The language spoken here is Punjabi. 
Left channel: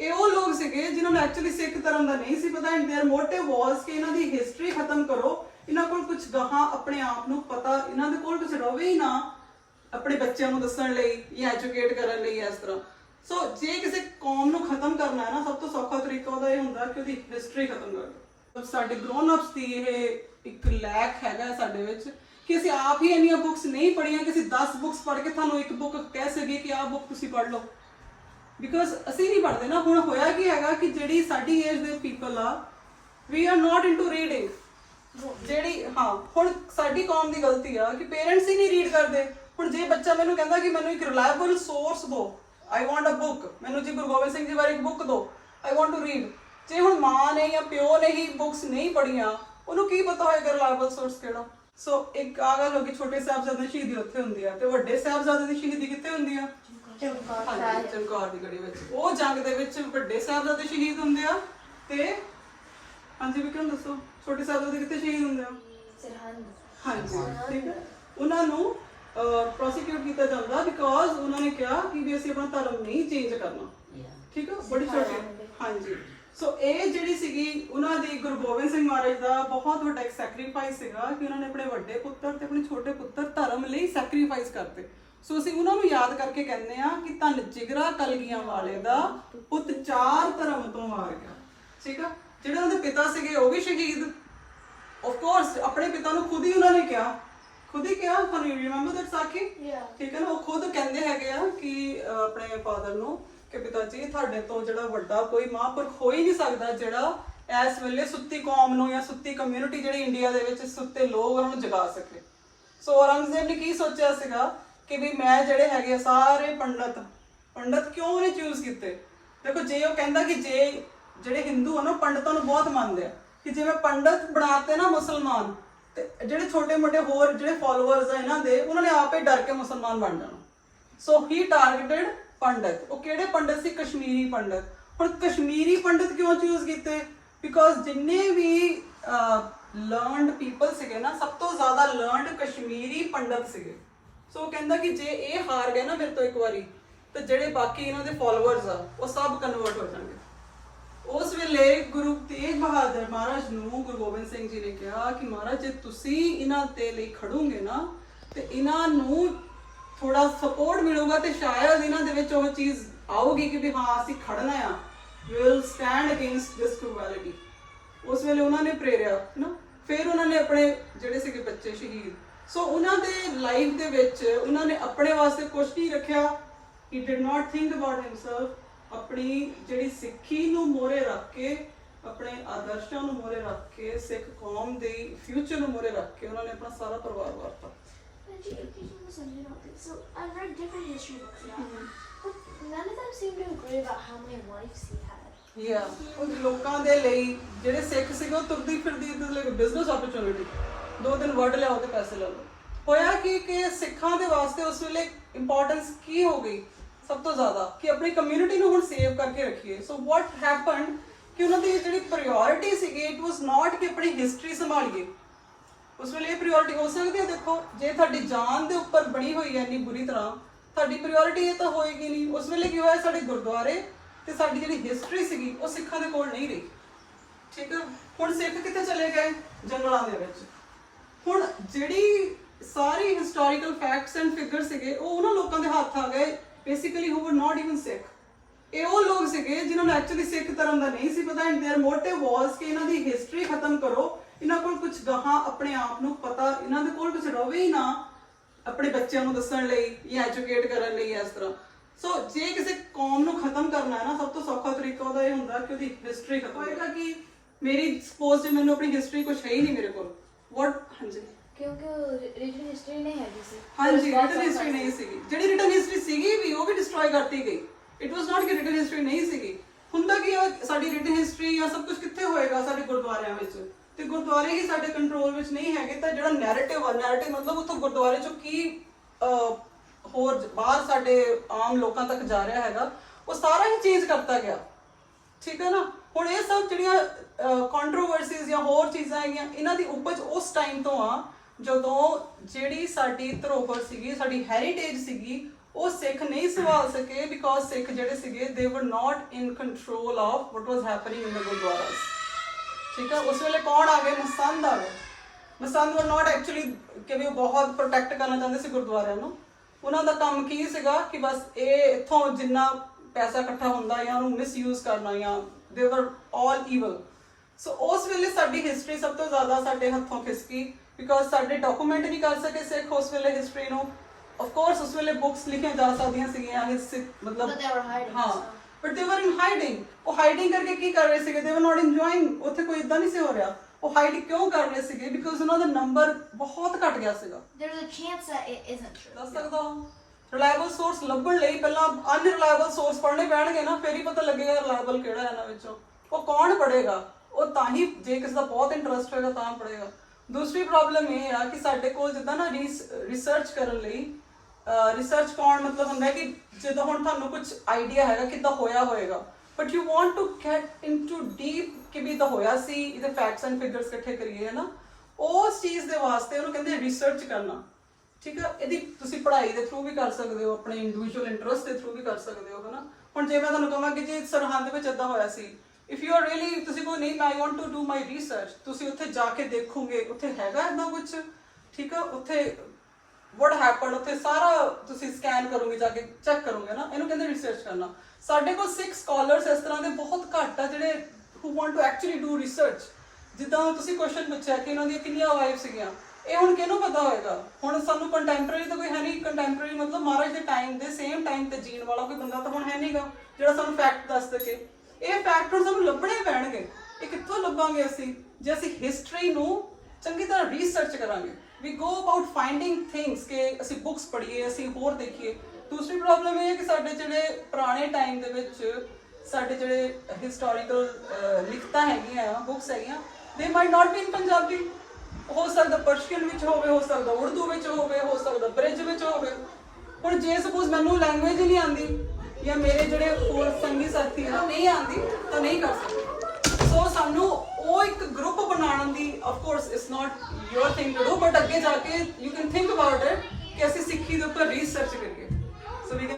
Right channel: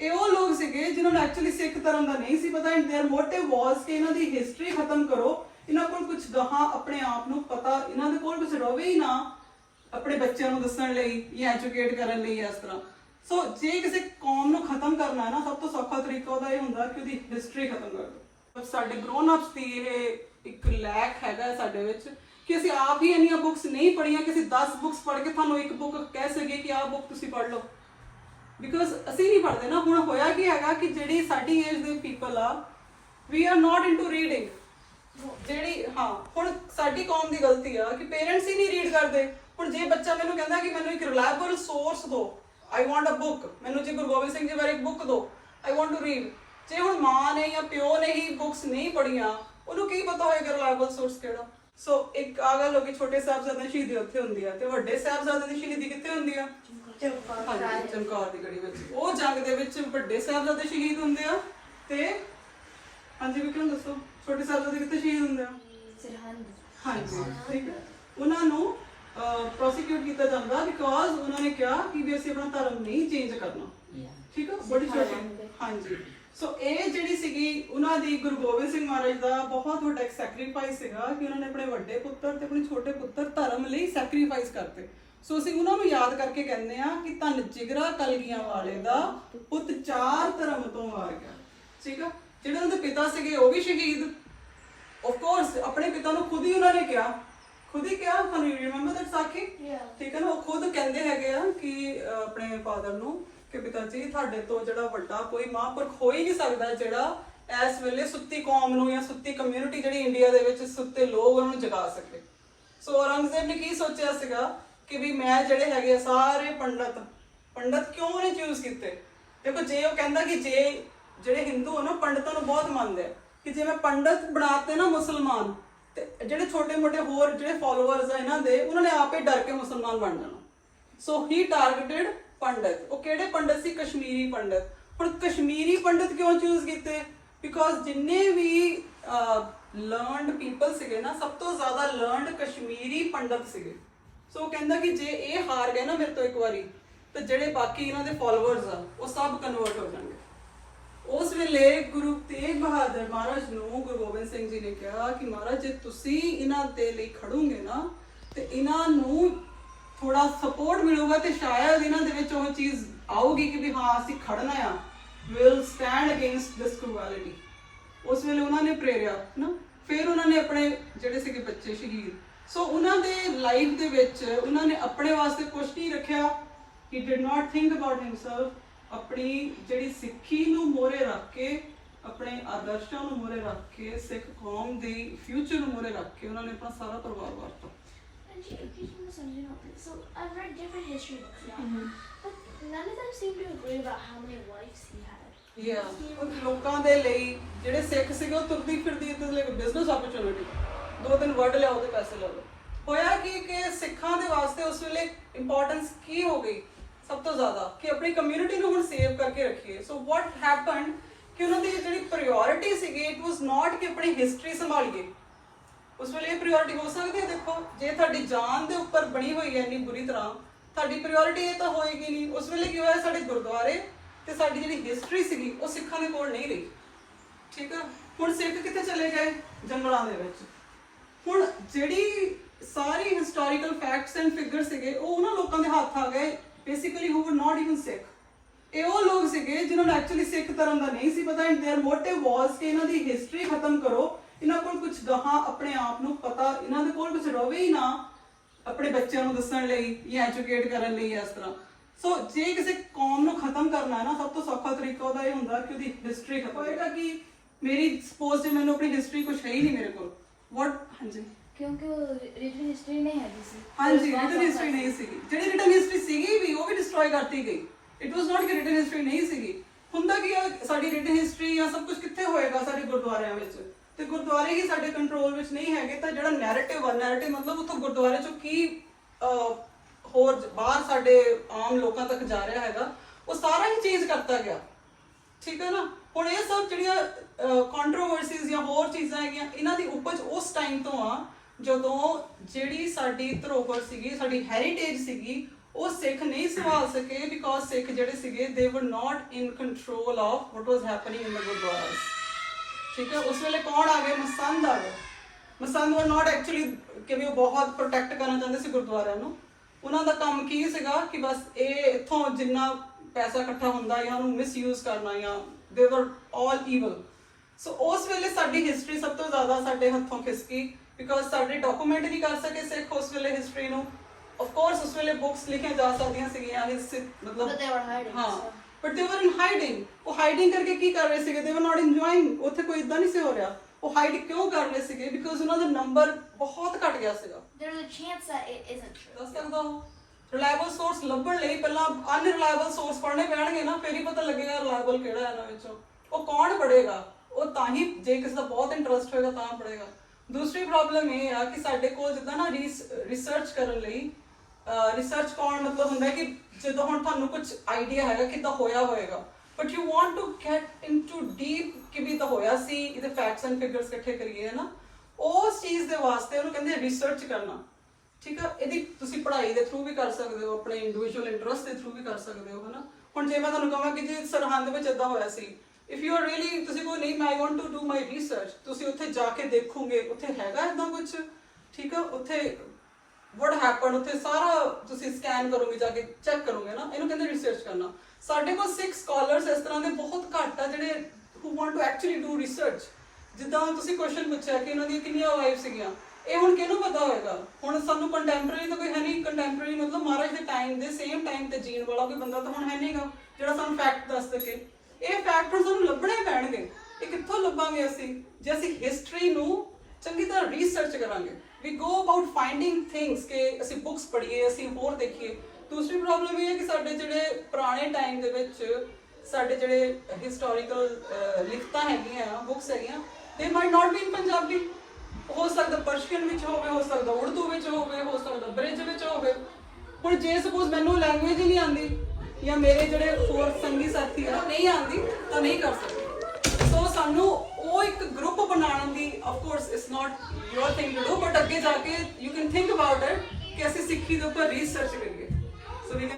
ਇਹ ਉਹ ਲੋਕ ਸੀਗੇ ਜਿਨ੍ਹਾਂ ਨੂੰ ਐਕਚੁਅਲੀ ਸਿੱਖ ਧਰਮ ਦਾ ਨਹੀਂ ਸੀ ਪਤਾ ਐਂਡ देयर ਮੋਟਿਵ ਵਾਸ ਕਿ ਇਹਨਾਂ ਦੀ ਹਿਸਟਰੀ ਖਤਮ ਕਰੋ, ਇਹਨਾਂ ਕੋਲ ਕੁਝ ਗਾਹਾਂ ਆਪਣੇ ਆਪ ਨੂੰ ਪਤਾ, ਇਹਨਾਂ ਦੇ ਕੋਲ ਕੁਝ ਰਵੇ ਹੀ ਨਾ ਆਪਣੇ ਬੱਚਿਆਂ ਨੂੰ ਦੱਸਣ ਲਈ ਜਾਂ ਐਜੂਕੇਟ ਕਰਨ ਲਈ ਇਸ ਤਰ੍ਹਾਂ। ਸੋ ਜੇ ਕਿਸੇ ਕੌਮ ਨੂੰ ਖਤਮ ਕਰਨਾ ਹੈ ਨਾ, ਸਭ ਤੋਂ ਸੌਖਾ ਤਰੀਕਾ ਉਹਦਾ ਇਹ ਹੁੰਦਾ ਕਿ ਉਹਦੀ ਹਿਸਟਰੀ ਖਤਮ ਕਰ ਦਿਓ। ਸਾਡੇ ਗਰੋਨ ਅਪਸ ਦੀ ਇਹ ਇੱਕ ਲੈਕ ਹੈਗਾ ਸਾਡੇ ਵਿੱਚ ਕਿ ਅਸੀਂ ਆਪ ਹੀ ਇੰਨੀਆਂ ਬੁੱਕਸ ਨਹੀਂ ਪੜ੍ਹੀਆਂ ਕਿ ਅਸੀਂ 10 ਬੁੱਕਸ ਪੜ੍ਹ ਕੇ ਤੁਹਾਨੂੰ ਇੱਕ ਬੁੱਕ ਕਹਿ ਸਕੀਏ ਕਿ ਆਹ ਬੁੱਕ ਤੁਸੀਂ ਪੜ੍ਹ ਲਓ, ਬਿਕਾਜ਼ ਅਸੀਂ ਨਹੀਂ ਪੜ੍ਹਦੇ ਨਾ। ਹੁਣ ਹੋਇਆ ਕੀ ਹੈਗਾ ਕਿ ਜਿਹੜੀ ਸਾਡੀ ਏਜ ਦੇ ਪੀਪਲ ਆ, we are not into reading. ਜਿਹੜੀ ਹੁਣ ਸਾਡੀ ਕੌਮ ਦੀ ਗਲਤੀ ਆ ਕਿ ਪੇਰੈਂਟਸ ਹੀ ਨਹੀਂ ਰੀਡ ਕਰਦੇ। ਹੁਣ ਜੇ ਬੱਚਾ ਮੈਨੂੰ ਕਹਿੰਦਾ ਕਿ ਮੈਨੂੰ ਇੱਕ ਰਿਲਾਇਬਲ ਸੋਰਸ ਦਿਓ, ਆਈ ਵਾਂਟ ਅ ਬੁੱਕ, ਮੈਨੂੰ ਜੀ ਗੁਰੂ ਗੋਬਿੰਦ ਸਿੰਘ ਜੀ ਬਾਰੇ ਇੱਕ ਬੁੱਕ ਦਿਓ, ਆਈ ਵਾਂਟ ਟੂ ਰੀਡ। ਜੇ ਹੁਣ ਮਾਂ ਨੇ ਜਾਂ ਪਿਓ ਨੇ ਹੀ ਬੁੱਕਸ ਨਹੀਂ ਪੜ੍ਹੀਆਂ, ਉਹਨੂੰ ਕੀ ਪਤਾ ਹੋਏਗਾ ਰਿਲਾਇਬਲ ਸੋਰਸ ਕਿਹੜਾ। ਸੋ ਇੱਕ ਆ ਗੱਲ ਹੋ ਗਈ, ਛੋਟੇ ਸਾਹਿਬਜ਼ਾਦੇ ਦੀ ਸ਼ਹੀਦੀ ਉੱਥੇ ਹੁੰਦੀ ਆ ਤੇ ਵੱਡੇ ਸਾਹਿਬਜ਼ਾਦੇ ਦੀ ਸ਼ਹੀਦੀ ਕਿੱਥੇ ਹੁੰਦੀ ਆ? ਚਮਕੌਰ ਦੀ ਗੜੀ ਵਿੱਚ। ਉਹ ਜੰਗ ਦੇ ਵਿੱਚ ਵੱਡੇ ਸਾਹਿਬਜ਼ਾਦੇ ਸ਼ਹੀਦ ਹੁੰਦੇ ਆ ਤੇ ਹਾਂਜੀ ਵਿਕਰਮ ਦੱਸੋ, ਛੋਟੇ ਸਾਹਿਬਜ਼ਾਦੇ ਕਿੱਥੇ ਸ਼ਹੀਦ ਹੁੰਦੇ ਆ? ਸਰਹੰਦ। ਹਾਂਜੀ ਠੀਕ ਹੈ, ਉਹਨਾਂ ਨੂੰ ਪ੍ਰੋਸੀਕਿਊਟ ਕੀਤਾ ਜਾਂਦਾ ਬਿਕਾਜ਼ ਉਹਨਾਂ ਨੇ ਕਿਹਾ ਕਿ ਵੀ ਅਸੀਂ ਆਪਣਾ ਧਰਮ ਨਹੀਂ ਚੇਂਜ ਕਰਨਾ। ਠੀਕ ਆ, ਬੜੀ ਛੋਟੀ। ਹਾਂਜੀ, ਸੋ ਇਹ ਜਿਹੜੀ ਸੀਗੀ ਉਹਨਾਂ ਦੀ ਗੁਰੂ ਗੋਬਿੰਦ ਸਿੰਘ ਮਹਾਰਾਜ ਦਾ ਬਹੁਤ ਵੱਡਾ ਇੱਕ ਸੈਕਰੀਫਾਈਸ ਸੀਗਾ ਕਿ ਉਹਨਾਂ ਨੇ ਆਪਣੇ ਵੱਡੇ ਪੁੱਤਰ ਤੇ ਆਪਣੇ ਛੋਟੇ ਪੁੱਤਰ ਧਰਮ ਲਈ ਸੈਕਰੀਫਾਈਸ ਕਰਤੇ। ਸੋ ਅਸੀਂ ਉਹਨਾਂ ਨੂੰ ਯਾਦ ਕਰਕੇ ਕਹਿੰਦੇ ਆ ਕਿ ਧੰਨ ਜਿਗਰਾ ਕਲਗੀਆਂ ਵਾਲੇ ਦਾ ਪੁੱਤ 4 ਧਰਮ ਤੋਂ ਮਾਰ ਗਿਆ। ਠੀਕ ਆ, ਜਿਹੜੇ ਉਹਨਾਂ ਦੇ ਪਿਤਾ ਸੀਗੇ ਉਹ ਵੀ ਸ਼ਹੀਦ। ਆਫ ਕੋਰਸ ਆਪਣੇ ਪਿਤਾ ਨੂੰ ਖੁਦ ਹੀ ਉਹਨਾਂ ਨੇ ਕਿਹਾ, ਤੁਹਾਨੂੰ ਰਿਮੈਂਬਰ ਦੈਟ ਸਾਖੀ? ਠੀਕ ਹੈ ਨਾ, ਉਹ ਖੁਦ ਕਹਿੰਦੇ ਹੈਗੇ ਆ ਕਿ ਆਪਣੇ ਫਾਦਰ ਨੂੰ ਕਿ ਪਿਤਾ ਜੀ ਤੁਹਾਡੇ ਤੋਂ ਜਿਹੜਾ ਵੱਡਾ ਕੋਈ ਮਹਾਂਪੁਰਖ ਹੋ ਹੀ ਨਹੀਂ ਸਕਦਾ ਜਿਹੜਾ ਇਸ ਵੇਲੇ ਸੁੱਤੀ ਕੌਮ ਨੂੰ ਜਾਂ ਸੁੱਤੀ ਕਮਿਊਨਿਟੀ ਜਿਹੜੀ ਇੰਡੀਆ ਦੇ ਵਿੱਚ ਸੁੱਤੇ ਲੋਕ ਉਹਨਾਂ ਨੂੰ ਜਗਾ ਸਕੇ। ਸੋ ਔਰੰਗਜ਼ੇਬ ਨੇ ਕੀ ਸੋਚਿਆ ਸੀਗਾ ਕਿ ਵੀ ਮੈਂ ਜਿਹੜੇ ਹੈਗੇ ਸਾਰੇ ਪੰਡਤ ਕਿਉਂ ਉਹਨੇ ਚੂਜ਼ ਕੀਤੇ? ਦੇਖੋ, ਜੇ ਉਹ ਕਹਿੰਦਾ ਕਿ ਜੇ ਜਿਹੜੇ ਹਿੰਦੂ ਆ ਨਾ ਪੰਡਤਾਂ ਨੂੰ ਬਹੁਤ ਮੰਨਦੇ ਆ ਕਿ ਜੇ ਮੈਂ ਪੰਡਤ ਬਣਾਤੇ ਨਾ ਮੁਸਲਮਾਨ, ਤੇ ਜਿਹੜੇ ਛੋਟੇ ਮੋਟੇ ਹੋਰ ਜਿਹੜੇ ਫਾਲੋਅਰਸ ਆ ਇਹਨਾਂ ਦੇ, ਉਹਨਾਂ ਨੇ ਆਪੇ ਡਰ ਕੇ ਮੁਸਲਮਾਨ ਬਣ ਜਾਣਾ। ਸੋ ਹੀ ਟਾਰਗੇਟਡ ਪੰਡਤ। ਉਹ ਕਿਹੜੇ ਪੰਡਤ ਸੀ? ਕਸ਼ਮੀਰੀ ਪੰਡਤ। ਹੁਣ ਕਸ਼ਮੀਰੀ ਪੰਡਤ ਕਿਉਂ ਚੂਜ਼ ਕੀਤੇ? ਬਿਕਾਜ਼ ਜਿੰਨੇ ਵੀ ਲਰਨਡ ਪੀਪਲ ਸੀਗੇ ਨਾ, ਸਭ ਤੋਂ ਜ਼ਿਆਦਾ ਲਰਨਡ ਕਸ਼ਮੀਰੀ ਪੰਡਤ ਸੀਗੇ। ਸੋ ਕਹਿੰਦਾ ਕਿ ਜੇ ਇਹ ਹਾਰ ਗਏ ਨਾ ਮੇਰੇ ਤੋਂ ਇੱਕ ਵਾਰੀ, ਤੇ ਜਿਹੜੇ ਬਾਕੀ ਇਹਨਾਂ ਦੇ ਫਾਲੋਅਰਸ ਆ ਉਹ ਸਭ ਕਨਵਰਟ ਹੋ ਜਾਣਗੇ। ਉਸ ਵੇਲੇ ਗੁਰੂ ਤੇਗ ਬਹਾਦਰ ਮਹਾਰਾਜ ਨੂੰ ਗੁਰੂ ਗੋਬਿੰਦ ਸਿੰਘ ਜੀ ਨੇ ਕਿਹਾ ਕਿ ਮਹਾਰਾਜ ਜੇ ਤੁਸੀਂ ਇਹਨਾਂ ਦੇ ਲਈ ਖੜੋਗੇ ਨਾ ਤੇ ਇਹਨਾਂ ਨੂੰ ਥੋੜਾ ਸਪੋਰਟ ਮਿਲੂਗਾ ਤੇ ਸ਼ਾਇਦ ਇਹਨਾਂ ਦੇ ਵਿੱਚ ਉਹ ਚੀਜ਼ ਆਊਗੀ ਕਿ ਵੀ ਹਾਂ ਅਸੀਂ ਖੜਨਾ ਆ, ਵੀ ਵਿਲ ਸਟੈਂਡ ਅਗੇਂਸਟ ਦਿਸ ਕ੍ਰੂਐਲਿਟੀ। ਉਸ ਵੇਲੇ ਉਹਨਾਂ ਨੇ ਪ੍ਰੇਰਿਆ ਨਾ, ਫਿਰ ਉਹਨਾਂ ਨੇ ਆਪਣੇ ਜਿਹੜੇ ਸੀਗੇ ਬੱਚੇ ਸ਼ਹੀਦ। ਸੋ ਉਹਨਾਂ ਦੇ ਲਾਈਫ ਦੇ ਵਿੱਚ ਉਹਨਾਂ ਨੇ ਆਪਣੇ ਵਾਸਤੇ ਕੁਝ ਨਹੀਂ ਰੱਖਿਆ। He did not think about himself. ਆਪਣੀ ਜਿਹੜੀ ਸਿੱਖੀ ਨੂੰ ਮੋਹਰੇ ਰੱਖ ਕੇ, ਆਪਣੇ ਆਦਰਸ਼ਾਂ ਨੂੰ ਮੋਹਰੇ ਰੱਖ ਕੇ, ਸਿੱਖ ਕੌਮ ਦੇ ਫਿਊਚਰ ਨੂੰ ਮੋਹਰੇ ਰੱਖ ਕੇ ਉਹਨਾਂ ਨੇ ਆਪਣਾ ਸਾਰਾ ਪਰਿਵਾਰ ਵਾਰਤਾ। So I've read different history books now, but none of them seem to agree about how many wives he had. ਉਹ ਲੋਕਾਂ ਦੇ ਲਈ ਜਿਹੜੇ ਸਿੱਖ ਸੀਗੇ ਉਹ ਤੁਰਦੀ ਫਿਰਦੀ ਬਿਜ਼ਨਸ ਓਪਰਚੁਨਿਟੀ, 2 ਦਿਨ ਵੱਢ ਲਿਆਓ ਤੇ ਪੈਸੇ ਲੈ ਲਓ। ਹੋਇਆ ਕਿ ਸਿੱਖਾਂ ਦੇ ਵਾਸਤੇ ਉਸ ਵੇਲੇ ਇੰਪੋਰਟੈਂਸ ਕੀ ਹੋ ਗਈ ਸਭ ਤੋਂ ਜ਼ਿਆਦਾ ਕਿ ਆਪਣੀ ਕਮਿਊਨਿਟੀ ਨੂੰ ਹੁਣ ਸੇਵ ਕਰਕੇ ਰੱਖੀਏ। ਸੋ ਵਾਟ ਹੈਪਨਡ ਕਿ ਉਹਨਾਂ ਦੀ ਜਿਹੜੀ ਪ੍ਰਾਇੋਰਟੀ ਸੀਗੀ, ਇਟ ਵਾਸ ਨਾਟ ਕਿ ਆਪਣੀ ਹਿਸਟਰੀ ਸੰਭਾਲੀਏ। ਉਸ ਵੇਲੇ ਇਹ ਪ੍ਰਾਇੋਰਟੀ ਹੋ ਸਕਦੀ ਹੈ, ਦੇਖੋ ਜੇ ਤੁਹਾਡੀ ਜਾਨ ਦੇ ਉੱਪਰ ਬਣੀ ਹੋਈ ਹੈ ਇੰਨੀ ਬੁਰੀ ਤਰ੍ਹਾਂ, ਤੁਹਾਡੀ ਪ੍ਰਾਇੋਰਟੀ ਇਹ ਤਾਂ ਹੋਏਗੀ ਨਹੀਂ। ਉਸ ਵੇਲੇ ਕੀ ਹੋਇਆ, ਸਾਡੇ ਗੁਰਦੁਆਰੇ ਤੇ ਸਾਡੀ ਜਿਹੜੀ ਹਿਸਟਰੀ ਸੀਗੀ ਉਹ ਸਿੱਖਾਂ ਦੇ ਕੋਲ ਨਹੀਂ ਰਹੀ। ਠੀਕ ਆ, ਹੁਣ ਸਿੱਖ ਕਿੱਥੇ ਚਲੇ ਗਏ? ਜੰਗਲਾਂ ਦੇ ਵਿੱਚ। ਹੁਣ ਜਿਹੜੀ ਸਾਰੀ ਹਿਸਟੋਰੀਕਲ ਫੈਕਟਸ ਐਂਡ ਫਿਗਰ ਸੀਗੇ ਉਹ ਉਹਨਾਂ ਲੋਕਾਂ ਦੇ ਹੱਥ ਆ ਗਏ ਬੇਸਿਕਲੀ ਹੂ ਵਰ ਨਾਟ ਇਵਨ ਸਿੱਖ। ਇਹ ਉਹ ਲੋਕ ਸੀਗੇ ਜਿਨ੍ਹਾਂ ਨੂੰ ਐਕਚੁਅਲੀ ਸਿੱਖ ਧਰਮ ਦਾ ਨਹੀਂ ਸੀ ਪਤਾ ਐਂਡ देयर ਮੋਟਿਵ ਵਾਸ ਕਿ ਇਹਨਾਂ ਦੀ ਹਿਸਟਰੀ ਖਤਮ ਕਰੋ, ਇਹਨਾਂ ਕੋਲ ਕੁਝ ਗਾਹਾਂ ਆਪਣੇ ਆਪ ਨੂੰ ਪਤਾ, ਇਹਨਾਂ ਦੇ ਕੋਲ ਕੁਝ ਰਵੇ ਹੀ ਨਾ ਆਪਣੇ ਬੱਚਿਆਂ ਨੂੰ ਦੱਸਣ ਲਈ ਜਾਂ ਐਜੂਕੇਟ ਕਰਨ ਲਈ ਇਸ ਤਰ੍ਹਾਂ। ਸੋ ਜੇ ਕਿਸੇ ਕੌਮ ਨੂੰ ਖਤਮ ਕਰਨਾ ਹੈ ਨਾ, ਸਭ ਤੋਂ ਸੌਖਾ ਤਰੀਕਾ ਉਹਦਾ ਇਹ ਹੁੰਦਾ ਕਿ ਉਹਦੀ ਹਿਸਟਰੀ ਖਤਮ ਹੋਏਗਾ। ਕਿ ਮੇਰੀ ਸਪੋਜ਼ ਜੇ ਮੈਨੂੰ ਆਪਣੀ ਹਿਸਟਰੀ ਕੁਝ ਹੈ ਹੀ ਨਹੀਂ ਮੇਰੇ ਕੋਲ, ਵਾਟ ਹਾਂਜੀ ਕਿਉਂਕਿ ਰਿਟਨ ਹਿਸਟਰੀ ਨਹੀਂ ਹੈਗੀ ਸੀ। ਹਾਂਜੀ, ਰਿਟਨ ਹਿਸਟਰੀ ਨਹੀਂ ਸੀਗੀ। ਜਿਹੜੀ ਰਿਟਨ ਹਿਸਟਰੀ ਸੀਗੀ ਵੀ ਉਹ ਵੀ ਡਿਸਟਰੋਏ ਕਰਤੀ ਗਈ। ਇਟ ਵਾਸ ਨਾਟ ਕਿ ਰਿਟਨ ਹਿਸਟਰੀ ਨਹੀਂ ਸੀਗੀ। ਹੁੰਦਾ ਕਿ ਸਾਡੀ ਰਿਟਨ ਹਿਸਟਰੀ ਜਾਂ ਸਭ ਕੁਝ ਕਿੱਥੇ ਹੋਏਗਾ? ਸਾਡੇ ਗੁਰਦੁਆਰਿਆਂ ਵਿੱਚ। ਤੇ ਗੁਰਦੁਆਰੇ ਹੀ ਸਾਡੇ ਕੰਟਰੋਲ ਵਿੱਚ ਨਹੀਂ ਹੈਗੇ ਤਾਂ ਜਿਹੜਾ ਨੈਰੇਟਿਵ ਮਤਲਬ ਉੱਥੋਂ ਗੁਰਦੁਆਰੇ ਚੋਂ ਕੀ ਹੋਰ ਬਾਹਰ ਸਾਡੇ ਆਮ ਲੋਕਾਂ ਤੱਕ ਜਾ ਰਿਹਾ ਹੈਗਾ, ਉਹ ਸਾਰਾ ਹੀ ਚੇਂਜ ਕਰਤਾ ਗਿਆ। ਠੀਕ ਹੈ ਨਾ। ਹੁਣ ਇਹ ਸਭ ਜਿਹੜੀਆਂ ਕੰਟਰੋਵਰਸੀਜ਼ ਜਾਂ ਹੋਰ ਚੀਜ਼ਾਂ ਹੈਗੀਆਂ, ਇਹਨਾਂ ਦੀ ਉਪਜ ਉਸ ਟਾਈਮ ਤੋਂ ਆ ਜਦੋਂ ਜਿਹੜੀ ਸਾਡੀ ਧਰੋਹਰ ਸੀਗੀ, ਸਾਡੀ ਹੈਰੀਟੇਜ ਸੀਗੀ, ਉਹ ਸਿੱਖ ਨਹੀਂ ਸੰਭਾਲ ਸਕੇ ਬਿਕੋਜ਼ ਸਿੱਖ ਜਿਹੜੇ ਸੀਗੇ they were not in control of what was happening in the gurdwaras. ਠੀਕ ਹੈ, ਉਸ ਵੇਲੇ ਕੌਣ ਆ ਗਏ? ਮਸੰਦ ਆ ਗਏ। ਮਸੰਦ ਵਰ ਨਾਟ ਐਕਚੁਅਲੀ ਕਿ ਵੀ ਉਹ ਬਹੁਤ ਪ੍ਰੋਟੈਕਟ ਕਰਨਾ ਚਾਹੁੰਦੇ ਸੀ ਗੁਰਦੁਆਰਿਆਂ ਨੂੰ। ਉਹਨਾਂ ਦਾ ਕੰਮ ਕੀ ਸੀਗਾ ਕਿ ਬਸ ਇਹ ਇੱਥੋਂ ਜਿੰਨਾ ਪੈਸਾ ਇਕੱਠਾ ਹੁੰਦਾ ਜਾਂ ਉਹਨੂੰ ਮਿਸਯੂਜ਼ ਕਰਨਾ, ਜਾਂ ਦੇ ਵਰ ਆਲ ਈਵਲ। ਸੋ ਉਸ ਵੇਲੇ ਸਾਡੀ ਹਿਸਟਰੀ ਸਭ ਤੋਂ ਜ਼ਿਆਦਾ ਸਾਡੇ ਹੱਥੋਂ ਖਿਸਕੀ ਬਿਕੋਜ਼ ਸਾਡੇ ਡਾਕੂਮੈਂਟ ਨਹੀਂ ਕਰ ਸਕੇ ਸਿੱਖ ਉਸ ਵੇਲੇ ਹਿਸਟਰੀ ਨੂੰ। ਆਫ ਕੋਰਸ ਉਸ ਵੇਲੇ ਬੁੱਕਸ ਲਿਖੀਆਂ ਜਾ ਸਕਦੀਆਂ ਸੀਗੀਆਂ ਮਤਲਬ But they were hiding. ਹਾਂ, so. ਬਟ ਦੇ ਵਰ ਇਨ ਹਾਈਡਿੰਗ। ਉਹ ਹਾਈਡਿੰਗ ਕਰਕੇ ਕੀ ਕਰ ਰਹੇ ਸੀਗੇ? They were not enjoying. ਉੱਥੇ ਕੋਈ ਇਦਾਂ ਨਹੀਂ ਸੀ ਹੋ ਰਿਹਾ। ਉਹ ਹਾਈਡ ਕਿਉਂ ਕਰ ਰਹੇ ਸੀਗੇ? ਬਿਕੋਜ਼ ਉਹਨਾਂ ਦਾ ਨੰਬਰ ਬਹੁਤ ਘਟ ਗਿਆ ਸੀਗਾ। There's a chance that it isn't true. ਦੱਸ ਸਕਦਾ ਰਿਲਾਇਬਲ ਸੋਰਸ ਲੱਭਣ ਲਈ ਪਹਿਲਾਂ ਅਨਰਿਲਾਇਬਲ ਸੋਰਸ ਪੜ੍ਹਨੇ ਪੈਣਗੇ ਨਾ, ਫਿਰ ਹੀ ਪਤਾ ਲੱਗੇਗਾ ਰਿਲਾਇਬਲ ਕਿਹੜਾ ਹੈ ਇਹਨਾਂ ਵਿੱਚੋਂ। ਉਹ ਕੌਣ ਪੜ੍ਹੇਗਾ? ਉਹ ਤਾਂ ਹੀ ਜੇ ਕਿਸੇ ਦਾ ਬਹੁਤ ਇੰਟਰਸਟ ਹੋਏਗਾ ਤਾਂ ਪੜ੍ਹੇਗਾ। ਦੂਸਰੀ ਪ੍ਰੋਬਲਮ ਇਹ ਆ ਕਿ ਸਾਡੇ ਕੋਲ ਜਿੱਦਾਂ ਨਾ ਰਿਸਰਚ ਕਰਨ ਲਈ ਰਿਸਰਚ ਕੌਣ ਮਤਲਬ ਹੁੰਦਾ ਕਿ ਜਦੋਂ ਹੁਣ ਤੁਹਾਨੂੰ ਕੁਝ ਆਈਡੀਆ ਹੈਗਾ ਕਿੱਦਾਂ ਹੋਇਆ ਹੋਏਗਾ, but you want to get into deep ਕਿ ਵੀ ਤਾਂ ਹੋਇਆ ਸੀ, ਇਹਦੇ ਫੈਕਟਸ ਐਂਡ ਫਿਗਰਸ ਇਕੱਠੇ ਕਰੀਏ, ਹੈ ਨਾ। ਉਸ ਚੀਜ਼ ਦੇ ਵਾਸਤੇ ਉਹਨੂੰ ਕਹਿੰਦੇ ਰਿਸਰਚ ਕਰਨਾ। ਠੀਕ ਆ, ਇਹਦੀ ਤੁਸੀਂ ਪੜ੍ਹਾਈ ਦੇ ਥਰੂ ਵੀ ਕਰ ਸਕਦੇ ਹੋ, ਆਪਣੇ ਇੰਡੀਵਿਜੂਅਲ ਇੰਟਰਸਟ ਦੇ ਥਰੂ ਵੀ ਕਰ ਸਕਦੇ ਹੋ, ਹਨਾ। ਹੁਣ ਜੇ ਮੈਂ ਤੁਹਾਨੂੰ ਕਹਾਂ ਕਿ ਜੀ ਸਰਹੰਦ ਵਿੱਚ ਏਦਾਂ ਹੋਇਆ ਸੀ, ਇਫ ਯੂ ਆਰ ਰੀਅਲੀ ਤੁਸੀਂ ਕੋਈ ਨਹੀਂ ਮੈਂ want to do my research, ਤੁਸੀਂ ਉੱਥੇ ਜਾ ਕੇ ਦੇਖੋਗੇ ਉੱਥੇ ਹੈਗਾ ਏਦਾਂ ਕੁਝ। ਠੀਕ ਆ, ਉੱਥੇ what happened ਉੱਥੇ ਸਾਰਾ ਤੁਸੀਂ ਸਕੈਨ ਕਰੋਗੇ, ਜਾ ਕੇ ਚੈੱਕ ਕਰੋਗੇ ਨਾ। ਇਹਨੂੰ ਕਹਿੰਦੇ ਰਿਸਰਚ ਕਰਨਾ। ਸਾਡੇ ਕੋਲ 6 ਸਕਾਲਰਸ ਇਸ ਤਰ੍ਹਾਂ ਦੇ ਬਹੁਤ ਘੱਟ ਆ ਜਿਹੜੇ who want to actually do research। ਜਿੱਦਾਂ ਤੁਸੀਂ ਕੁਐਸਚਨ ਪੁੱਛਿਆ ਕਿ ਇਹਨਾਂ ਦੀਆਂ ਕਿੰਨੀਆਂ ਵਾਈਫ ਸੀਗੀਆਂ, ਇਹ ਹੁਣ ਕਿਹਨੂੰ ਪਤਾ ਹੋਏਗਾ? ਹੁਣ ਸਾਨੂੰ ਕੰਟੈਂਪਰੇਰੀ ਤਾਂ ਕੋਈ ਹੈ ਨਹੀਂ। ਕੰਟੈਂਪਰੇਰੀ ਮਤਲਬ ਮਹਾਰਾਜ ਦੇ ਟਾਈਮ ਦੇ ਸੇਮ ਟਾਈਮ ਤੇ ਜੀਣ ਵਾਲਾ ਕੋਈ ਬੰਦਾ ਤਾਂ ਹੁਣ ਹੈ ਨਹੀਂਗਾ ਜਿਹੜਾ ਸਾਨੂੰ ਫੈਕਟ ਦੱਸ ਸਕੇ। ਇਹ ਫੈਕਟ ਹੁਣ ਸਾਨੂੰ ਲੱਭਣੇ ਪੈਣਗੇ। ਇਹ ਕਿੱਥੋਂ ਲੱਭਾਂਗੇ ਅਸੀਂ? ਜੇ ਅਸੀਂ ਹਿਸਟਰੀ ਨੂੰ ਚੰਗੀ ਤਰ੍ਹਾਂ ਰਿਸਰਚ ਕਰਾਂਗੇ। ਵੀ ਗੋ ਅਬਾਊਟ ਫਾਈਂਡਿੰਗ ਥਿੰਗਸ ਕਿ ਅਸੀਂ ਬੁੱਕਸ ਪੜ੍ਹੀਏ, ਅਸੀਂ ਹੋਰ ਦੇਖੀਏ। ਦੂਸਰੀ ਪ੍ਰੋਬਲਮ ਇਹ ਹੈ ਕਿ ਸਾਡੇ ਜਿਹੜੇ ਪੁਰਾਣੇ ਟਾਈਮ ਦੇ ਵਿੱਚ ਸਾਡੇ ਜਿਹੜੇ ਹਿਸਟੋਰੀਕਲ ਲਿਖਤਾਂ ਹੈਗੀਆਂ, ਬੁੱਕਸ ਹੈਗੀਆਂ, ਦੇ might not be in Punjabi. ਹੋ ਸਕਦਾ ਪਰਸ਼ੀਅਨ ਵਿੱਚ ਹੋਵੇ, ਹੋ ਸਕਦਾ ਉਰਦੂ ਵਿੱਚ ਹੋਵੇ, ਹੋ ਸਕਦਾ ਬ੍ਰਿਜ ਵਿੱਚ ਹੋਵੇ। ਹੁਣ ਜੇ ਸਪੋਜ਼ ਮੈਨੂੰ ਲੈਂਗੁਏਜ ਹੀ ਨਹੀਂ ਆਉਂਦੀ ਜਾਂ ਮੇਰੇ ਜਿਹੜੇ ਹੋਰ ਸੰਗੀ ਸਾਥੀ ਆ ਨਹੀਂ ਆਉਂਦੀ ਤਾਂ ਨਹੀਂ ਕਰ ਸਕਦੇ। ਸੋ ਸਾਨੂੰ ਉਹ ਇੱਕ ਗਰੁੱਪ ਬਣਾਉਣ ਦੀ of course it's not your thing to do, but ਅੱਗੇ ਜਾ ਕੇ you can think about it ਕਿ ਅਸੀਂ ਸਿੱਖੀ ਦੇ ਉੱਪਰ ਰਿਸਰਚ ਕਰੀਏ।